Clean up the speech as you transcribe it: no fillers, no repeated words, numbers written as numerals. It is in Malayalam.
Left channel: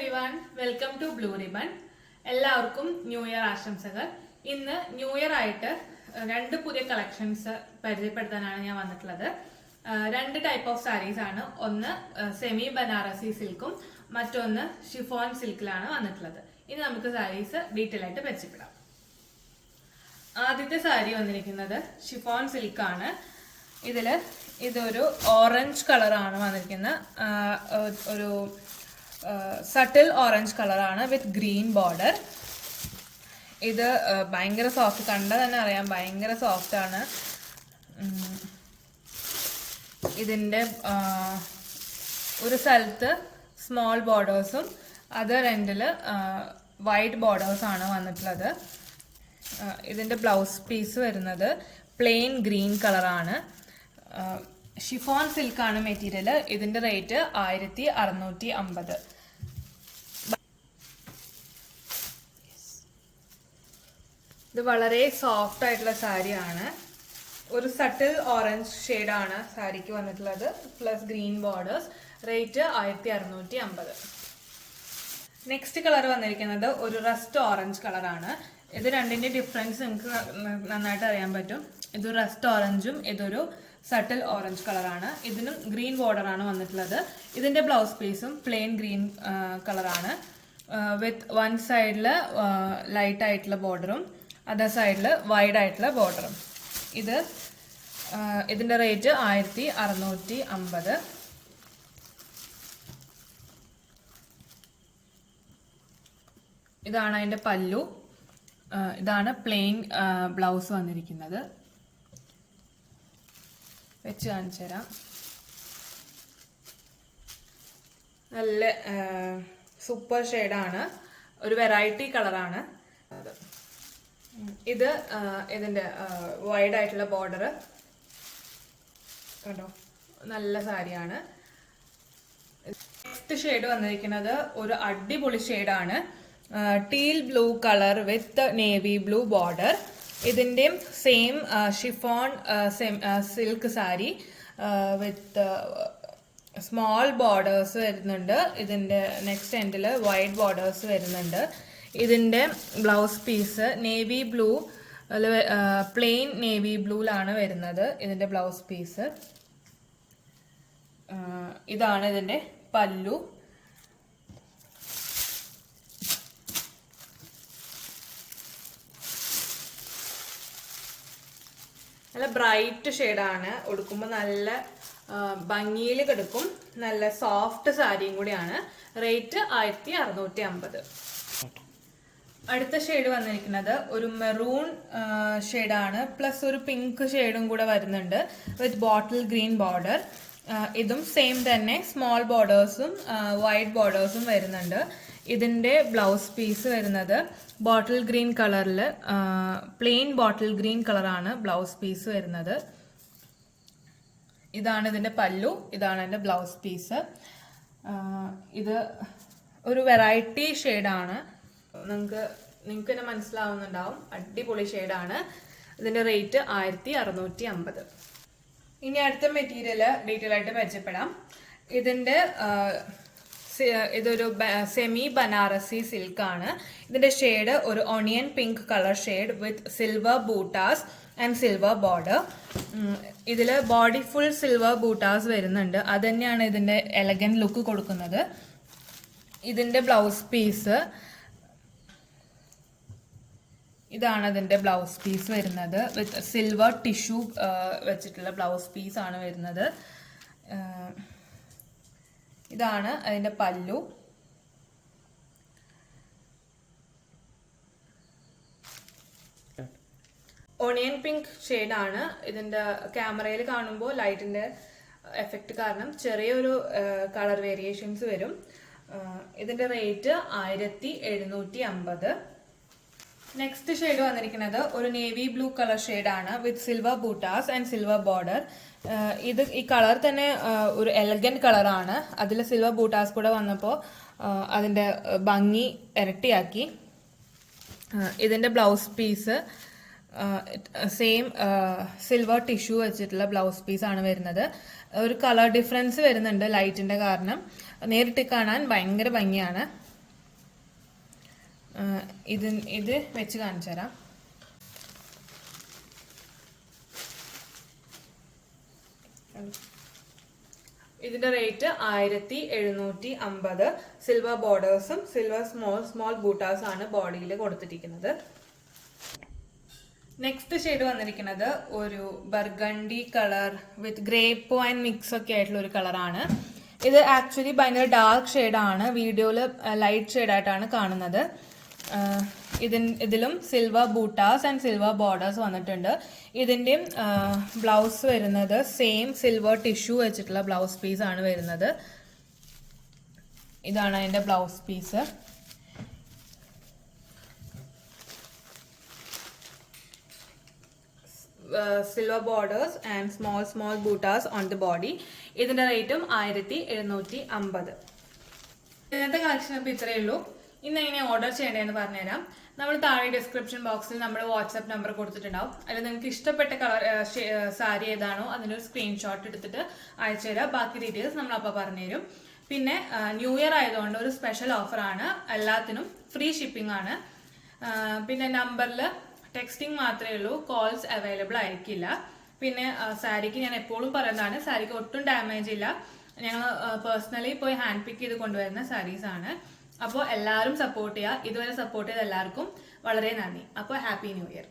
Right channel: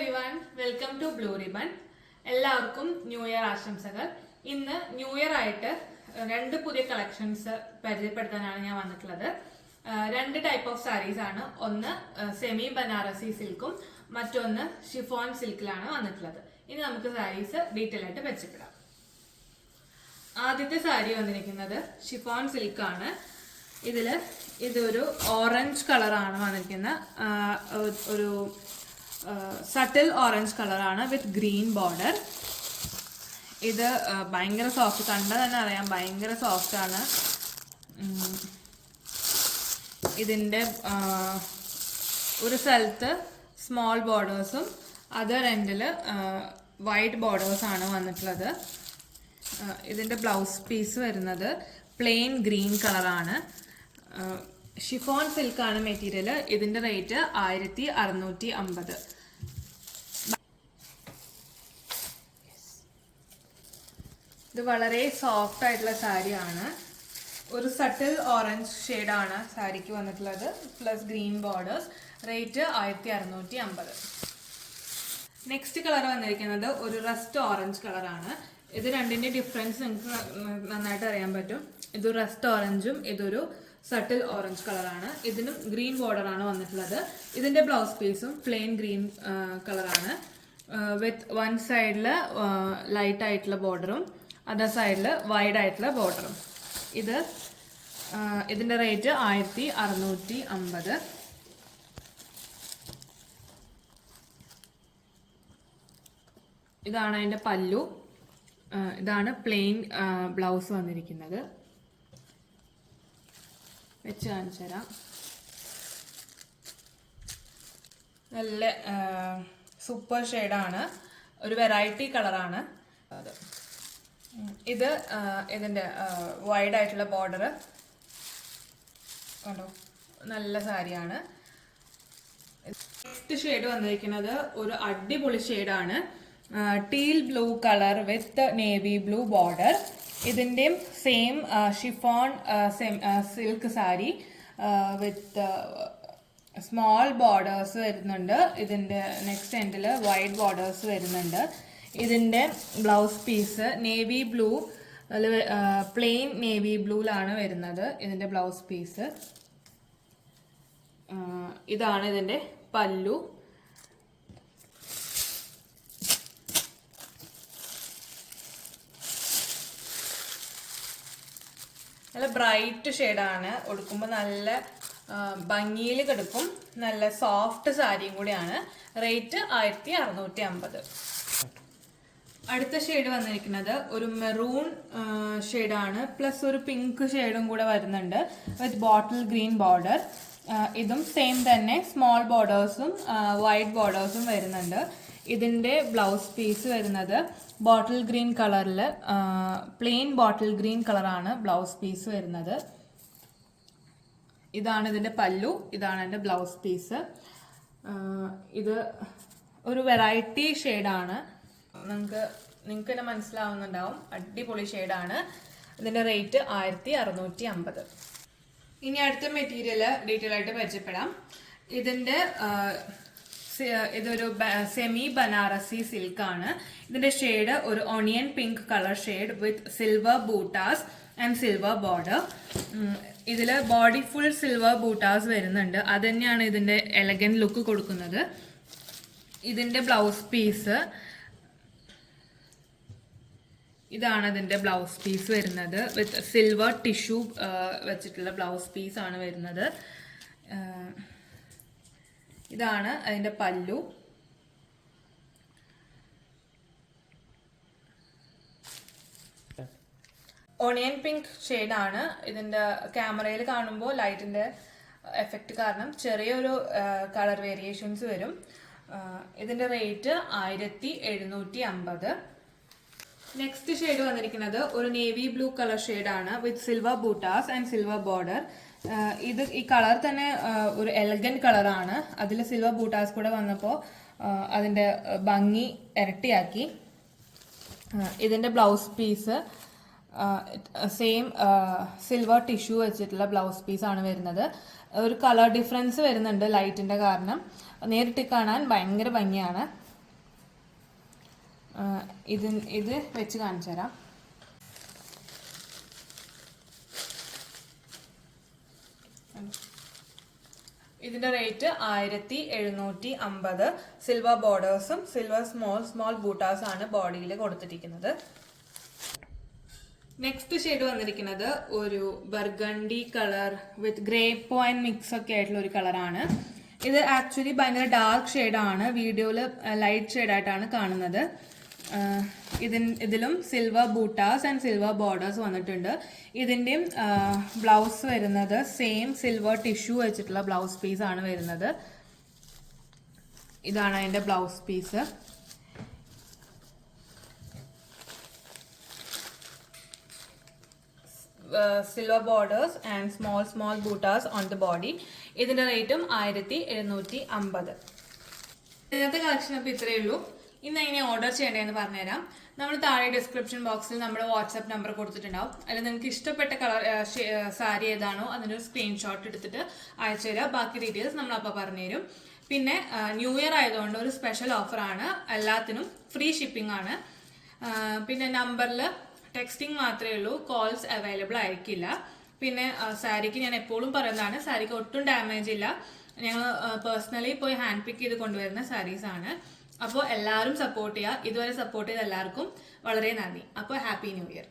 Everyone, welcome to blue ribbon. എല്ലാവർക്കും ന്യൂ ഇയർ ആശംസകൾ. ഇന്ന് ന്യൂ ഇയർ ആയിട്ട് രണ്ട് പുതിയ കളക്ഷൻസ് പരിചയപ്പെടുത്താനാണ് ഞാൻ വന്നിട്ടുള്ളത്. രണ്ട് ടൈപ്പ് ഓഫ് സാരീസ് ആണ്. ഒന്ന് സെമി ബനാറസി സിൽക്കും മറ്റൊന്ന് ഷിഫോൺ സിൽക്കിലാണ് വന്നിട്ടുള്ളത്. ഇനി നമുക്ക് സാരീസ് ഡീറ്റെയിൽ ആയിട്ട് പരിചയപ്പെടാം. ആദ്യത്തെ സാരി വന്നിരിക്കുന്നത് ഷിഫോൺ സിൽക്കാണ്. ഇതൊരു ഓറഞ്ച് കളറാണ് വന്നിരിക്കുന്നത്. ഒരു സട്ടിൽ ഓറഞ്ച് കളറാണ് വിത്ത് ഗ്രീൻ ബോർഡർ. ഇത് ഭയങ്കര സോഫ്റ്റ്, കണ്ടാൽ തന്നെ അറിയാം ഭയങ്കര സോഫ്റ്റ് ആണ്. ഇതിൻ്റെ ഒരു സ്ഥലത്ത് സ്മോൾ ബോർഡേഴ്സും അതർ എൻഡിൽ വൈറ്റ് ബോർഡേഴ്സാണ് വന്നിട്ടുള്ളത്. ഇതിൻ്റെ ബ്ലൗസ് പീസ് വരുന്നത് പ്ലെയിൻ ഗ്രീൻ കളറാണ്. ഷിഫോൺ സിൽക്കാണ് മെറ്റീരിയൽ. ഇതിന്റെ റേറ്റ് 1650. ഇത് വളരെ സോഫ്റ്റ് ആയിട്ടുള്ള സാരിയാണ്. ഒരു സട്ടിൽ ഓറഞ്ച് ഷെയ്ഡാണ് സാരിക്ക് വന്നിട്ടുള്ളത്, plus green borders. Rate 1650. Next colour വന്നിരിക്കുന്നത് ഒരു റസ്റ്റ് ഓറഞ്ച് കളറാണ്. ഇത് രണ്ടിന്റെ ഡിഫറൻസ് നിങ്ങൾക്ക് നന്നായിട്ട് അറിയാൻ പറ്റും. ഇതൊരു റസ്റ്റ് ഓറഞ്ചും ഇതൊരു സട്ടിൽ ഓറഞ്ച് കളറാണ്. ഇതിനും ഗ്രീൻ ബോർഡർ ആണ് വന്നിട്ടുള്ളത്. ഇതിന്റെ ബ്ലൗസ് പീസും പ്ലെയിൻ ഗ്രീൻ കളറാണ് വിത്ത് വൺ സൈഡില് ലൈറ്റ് ആയിട്ടുള്ള ബോർഡറും അതർ സൈഡില് വൈഡ് ആയിട്ടുള്ള ബോർഡറും. ഇതിന്റെ റേറ്റ് 1650. ഇതാണ് അതിന്റെ പല്ലു. ഇതാണ് പ്ലെയിൻ ബ്ലൗസ് വന്നിരിക്കുന്നത്. വെച്ച് കാണിച്ചു തരാം. നല്ല സൂപ്പർ ഷെയ്ഡാണ്, ഒരു വെറൈറ്റി കളറാണ്. ഇതിന്റെ വൈഡ് ആയിട്ടുള്ള ബോർഡർ കണ്ടോ, നല്ല സാരിയാണ്. നെക്സ്റ്റ് ഷെയ്ഡ് വന്നിരിക്കുന്നത് ഒരു അടിപൊളി ഷെയ്ഡാണ്. Teal blue colour with navy blue border. ഇതിന്റെയും same chiffon silk sari with small borders വരുന്നുണ്ട്. ഇതിന്റെ നെക്സ്റ്റ് എൻഡിൽ വൈറ്റ് ബോർഡേഴ്സ് വരുന്നുണ്ട്. ഇതിന്റെ blouse piece navy blue, plain navy ബ്ലൂലാണ് വരുന്നത്. ഇതിന്റെ ബ്ലൗസ് പീസ് ഇതാണ്. ഇതിന്റെ പല്ലു. നല്ല ബ്രൈറ്റ് ഷെയ്ഡാണ്. ഉടുക്കുമ്പോൾ നല്ല ഭംഗിയിൽ കിടക്കും. നല്ല സോഫ്റ്റ് സാരിയും കൂടിയാണ്. റേറ്റ് 1650. അടുത്ത ഷെയ്ഡ് വന്നിരിക്കുന്നത് ഒരു മെറൂൺ ഷെയ്ഡാണ്, പ്ലസ് ഒരു പിങ്ക് ഷെയ്ഡും കൂടെ വരുന്നുണ്ട് വിത്ത് ബോട്ടിൽ ഗ്രീൻ ബോർഡർ. ഇതും സെയിം തന്നെ, സ്മോൾ ബോർഡേഴ്സും വൈറ്റ് ബോർഡേഴ്സും വരുന്നുണ്ട്. ഇതിന്റെ ബ്ലൗസ് പീസ് വരുന്നത് ബോട്ടിൽ ഗ്രീൻ കളറിൽ, പ്ലെയിൻ ബോട്ടിൽ ഗ്രീൻ കളറാണ് ബ്ലൗസ് പീസ് വരുന്നത്. ഇതാണ് ഇതിന്റെ പല്ലു, ഇതാണ് എന്റെ ബ്ലൗസ് പീസ്. ഇത് ഒരു വെറൈറ്റി ഷെയ്ഡാണ്. നിങ്ങൾക്ക് തന്നെ മനസ്സിലാവുന്നുണ്ടാവും, അടിപൊളി ഷെയ്ഡാണ്. ഇതിന്റെ റേറ്റ് 1650. ഇനി അടുത്ത മെറ്റീരിയൽ ഡീറ്റെയിൽ ആയിട്ട് പരിചയപ്പെടാം. ഇതൊരു സെമി ബനാറസി സിൽക്കാണ്. ഇതിന്റെ ഷെയ്ഡ് ഒരു onion pink colour shade with silver buttas and silver border. ഇതില് ബോഡി ഫുൾ സിൽവർ ബൂട്ടാസ് വരുന്നുണ്ട്. അത് തന്നെയാണ് ഇതിന്റെ എലഗൻ ലുക്ക് കൊടുക്കുന്നത്. ഇതിന്റെ ബ്ലൗസ് പീസ് ഇതാണ്. ഇതിന്റെ ബ്ലൗസ് പീസ് വരുന്നത് വിത്ത് സിൽവർ ടിഷ്യൂ വെച്ചിട്ടുള്ള ബ്ലൗസ് പീസ് ആണ് വരുന്നത്. ഇതാണ് അതിന്റെ പല്ലു. ഓണിയൻ പിങ്ക് ഷെയ്ഡാണ്. ഇതിന്റെ ക്യാമറയിൽ കാണുമ്പോൾ ലൈറ്റിന്റെ എഫക്റ്റ് കാരണം ചെറിയൊരു കളർ വേരിയേഷൻസ് വരും. ഇതിന്റെ റേറ്റ് 1750. നെക്സ്റ്റ് ഷെയ്ഡ് വന്നിരിക്കുന്നത് ഒരു നേവി ബ്ലൂ കളർ ഷെയ്ഡാണ് with silver buttas and silver border. ഈ കളർ തന്നെ ഒരു എലഗന്റ് കളറാണ്. അതിൽ സിൽവർ ബൂട്ടാസ് കൂടെ വന്നപ്പോൾ അതിന്റെ ഭംഗി ഇരട്ടിയാക്കി. ഇതിന്റെ blouse piece same silver tissue വെച്ചിട്ടുള്ള ബ്ലൗസ് പീസ് ആണ് വരുന്നത്. ഒരു കളർ ഡിഫറൻസ് വരുന്നുണ്ട് ലൈറ്റിന്റെ കാരണം. നേരിട്ട് കാണാൻ ഭയങ്കര ഭംഗിയാണ്. ഇത് വെച്ച് കാണിച്ചു തരാം. ഇതിന്റെ റേറ്റ് 1750. സിൽവർ ബോർഡേഴ്സും സിൽവർ സ്മോൾ ബൂട്ടാസ് ആണ് ബോഡിയിൽ കൊടുത്തിരിക്കുന്നത്. നെക്സ്റ്റ് ഷെയ്ഡ് വന്നിരിക്കുന്നത് ഒരു ബർഗണ്ടി കളർ വിത്ത് ഗ്രേപ്പ് വൈൻ മിക്സ് ഒക്കെ ആയിട്ടുള്ള ഒരു കളറാണ്. ഇത് ആക്ച്വലി ഭയങ്കര ഡാർക്ക് ഷെയ്ഡാണ്, വീഡിയോയില് ലൈറ്റ് ഷെയ്ഡായിട്ടാണ് കാണുന്നത്. ഇതിലും silver buttas and silver borders വന്നിട്ടുണ്ട്. ഇതിന്റെ ബ്ലൗസ് വരുന്നത് സെയിം സിൽവർ ടിഷ്യൂ വെച്ചിട്ടുള്ള ബ്ലൗസ് പീസ് ആണ് വരുന്നത്. ഇതാണ് അതിന്റെ blouse piece. Silver borders and small buttas on the body. ഇതിന്റെ റേറ്റും 1750. ഇന്നത്തെ കളക്ഷൻ അപ്പോൾ ഇത്രയേ ഉള്ളൂ. ഇന്ന് എങ്ങനെ ഓർഡർ ചെയ്യേണ്ടതെന്ന് പറഞ്ഞുതരാം. നമ്മൾ താഴെ ഡിസ്ക്രിപ്ഷൻ ബോക്സിൽ നമ്മൾ വാട്സാപ്പ് നമ്പർ കൊടുത്തിട്ടുണ്ടാവും. അതിൽ നിങ്ങൾക്ക് ഇഷ്ടപ്പെട്ട കളർ സാരി ഏതാണോ അതിൻ്റെ ഒരു സ്ക്രീൻഷോട്ട് എടുത്തിട്ട് അയച്ചു തരാം. ബാക്കി ഡീറ്റെയിൽസ് നമ്മൾ അപ്പോൾ പറഞ്ഞുതരും. പിന്നെ ന്യൂ ഇയർ ആയതുകൊണ്ട് ഒരു സ്പെഷ്യൽ ഓഫറാണ്, എല്ലാത്തിനും ഫ്രീ ഷിപ്പിംഗ് ആണ്. പിന്നെ നമ്പറിൽ ടെക്സ്റ്റിംഗ് മാത്രമേ ഉള്ളൂ, കോൾസ് അവൈലബിൾ ആയിരിക്കില്ല. പിന്നെ സാരിക്ക് ഞാൻ എപ്പോഴും പറയുന്നതാണ്, സാരിക്ക് ഒട്ടും ഡാമേജ് ഇല്ല. ഞങ്ങൾ പേഴ്സണലി പോയി ഹാൻഡ് പിക്ക് ചെയ്ത് കൊണ്ടുവരുന്ന സാരീസ് ആണ്. അപ്പോൾ എല്ലാവരും സപ്പോർട്ട് ചെയ്യുക. ഇതുവരെ സപ്പോർട്ട് ചെയ്ത എല്ലാവർക്കും വളരെ നന്ദി. അപ്പോൾ ഹാപ്പി ന്യൂ ഇയർ.